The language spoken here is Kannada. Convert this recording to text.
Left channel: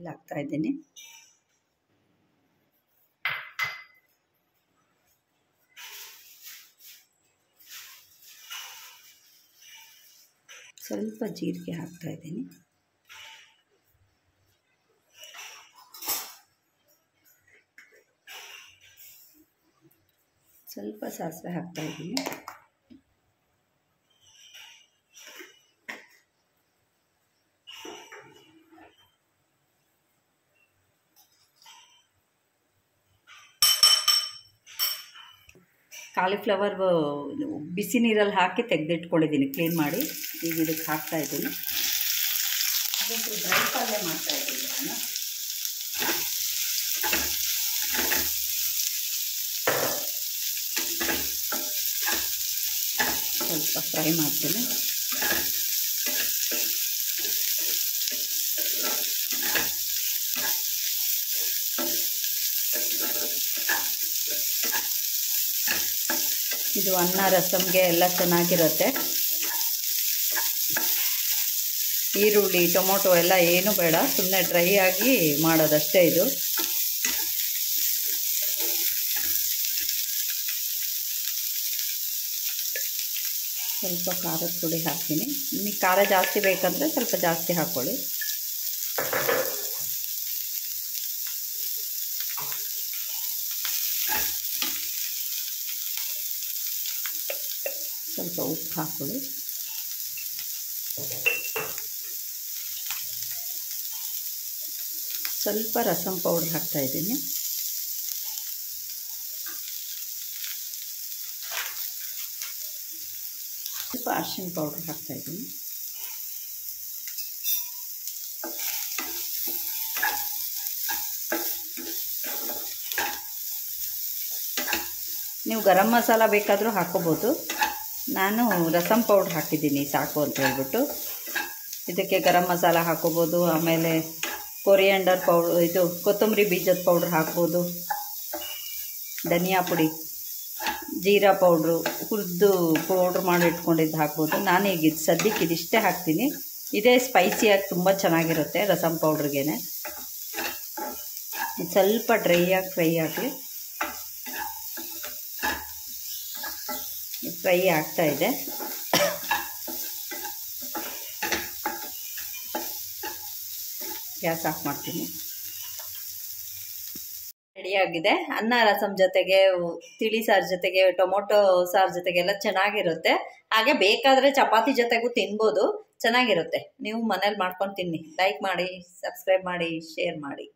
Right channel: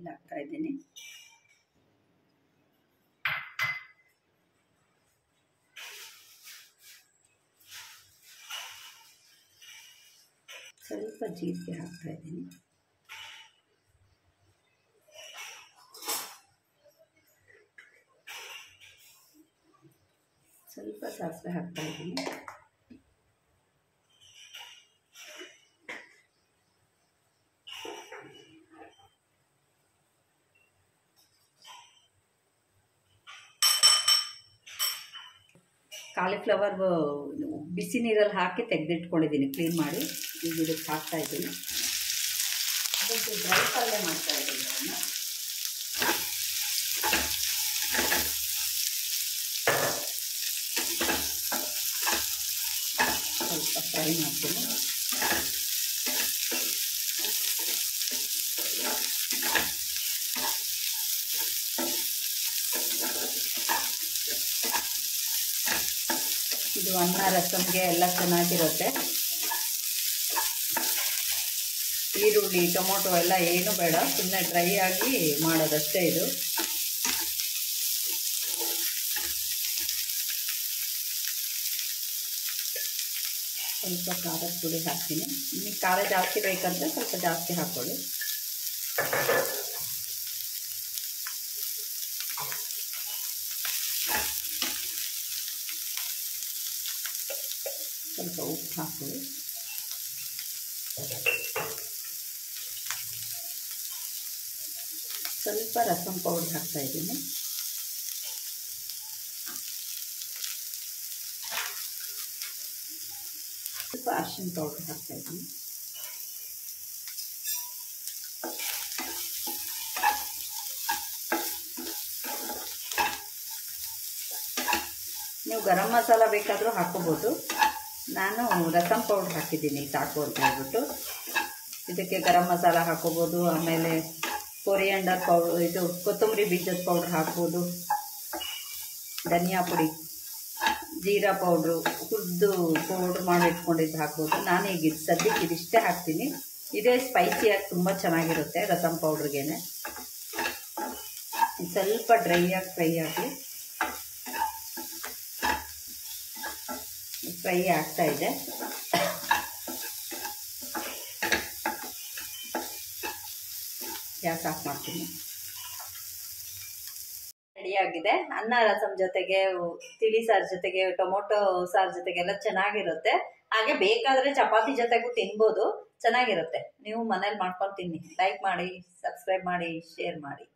ಆಯಿಲ್ ಹಾಕ್ತಾ ಇದ್ದೀನಿ. ಸ್ವಲ್ಪ ಜೀರಿಗೆ ಹಾಕ್ತಾ ಇದ್ದೀನಿ. ಸ್ವಲ್ಪ ಸಾಸಿವೆ ಹಾಕ್ತಾ ಇದ್ದೀನಿ. ಕಾಲಿಫ್ಲವರ್ ಬಿಸಿ ನೀರಲ್ಲಿ ಹಾಕಿ ತೆಗೆದಿಟ್ಕೊಂಡಿದ್ದೀನಿ ಕ್ಲೀನ್ ಮಾಡಿ. ಈಗ ಇದಕ್ಕೆ ಹಾಕ್ತಾ ಇದ್ದೀನಿ. ಅದಕ್ಕೆ ಡ್ರೈ ಪಲ್ಯ ಮಾಡ್ತಾ ಇದ್ದೀನಿ ನಾನು. ಸ್ವಲ್ಪ ಫ್ರೈ ಮಾಡ್ತೀನಿ. ಇದು ಅನ್ನ ರಸಮ್ಗೆ ಎಲ್ಲ ಚೆನ್ನಾಗಿರುತ್ತೆ. ಈರುಳ್ಳಿ ಟೊಮೊಟೊ ಎಲ್ಲ ಏನು ಬೇಡ, ಸುಮ್ಮನೆ ಡ್ರೈ ಆಗಿ ಮಾಡೋದಷ್ಟೇ ಇದು. ಸ್ವಲ್ಪ ಖಾರದ ಪುಡಿ ಹಾಕ್ತೀನಿ. ನಿಮಗೆ ಖಾರ ಜಾಸ್ತಿ ಬೇಕಂದರೆ ಸ್ವಲ್ಪ ಜಾಸ್ತಿ ಹಾಕ್ಕೊಳ್ಳಿ. ಸ್ವಲ್ಪ ಉಪ್ಪು ಹಾಕ್ಕೊಳ್ಳಿ. ಸ್ವಲ್ಪ ರಸಮ್ ಪೌಡರ್ ಹಾಕ್ತಾ ಇದ್ದೀನಿ. ಸ್ವಲ್ಪ ಅರಿಶಿನ ಪೌಡರ್ ಹಾಕ್ತಾ ಇದ್ದೀನಿ. ನೀವು ಗರಂ ಮಸಾಲ ಬೇಕಾದರೂ ಹಾಕೋಬೋದು. ನಾನು ರಸಮ್ ಪೌಡ್ರ್ ಹಾಕಿದ್ದೀನಿ ಸಾಕು ಅಂತ ಹೇಳ್ಬಿಟ್ಟು. ಇದಕ್ಕೆ ಗರಂ ಮಸಾಲ ಹಾಕೋಬೋದು, ಆಮೇಲೆ ಕೊರಿಯಾಂಡರ್ ಪೌಡ್ರ್, ಇದು ಕೊತ್ತಂಬರಿ ಬೀಜದ ಪೌಡ್ರ್ ಹಾಕ್ಬೋದು, ಧನಿಯಾ ಪುಡಿ, ಜೀರಾ ಪೌಡ್ರು, ಹುರಿದು ಪೌಡ್ರ್ ಮಾಡಿ ಇಟ್ಕೊಂಡಿದ್ದು ಹಾಕ್ಬೋದು. ನಾನು ಈಗ ಸದ್ಯಕ್ಕೆ ಇದಿಷ್ಟೇ ಹಾಕ್ತೀನಿ. ಇದೇ ಸ್ಪೈಸಿಯಾಗಿ ತುಂಬ ಚೆನ್ನಾಗಿರುತ್ತೆ ರಸಮ್ ಪೌಡ್ರಿಗೇನೆ. ಇದು ಸ್ವಲ್ಪ ಡ್ರೈಯಾಗಿ ಫ್ರೈ ಆಗಲಿ. ಫ್ರೈ ಆಗ್ತಾ ಇದೆ. ಗ್ಯಾಸ್ ಆಫ್ ಮಾಡ್ತೀನಿ. ರೆಡಿಯಾಗಿದೆ. ಅನ್ನ ರಸಮ್ ಜೊತೆಗೆ, ತಿಳಿ ಸಾರು ಜೊತೆಗೆ, ಟೊಮೊಟೊ ಸಾರು ಜೊತೆಗೆಲ್ಲ ಚೆನ್ನಾಗಿರುತ್ತೆ. ಹಾಗೆ ಬೇಕಾದರೆ ಚಪಾತಿ ಜೊತೆಗೂ ತಿನ್ಬೋದು, ಚೆನ್ನಾಗಿರುತ್ತೆ. ನೀವು ಮನೇಲಿ ಮಾಡ್ಕೊಂಡು ತಿನ್ನಿ. ಲೈಕ್ ಮಾಡಿ, ಸಬ್ಸ್ಕ್ರೈಬ್ ಮಾಡಿ, ಶೇರ್ ಮಾಡಿ.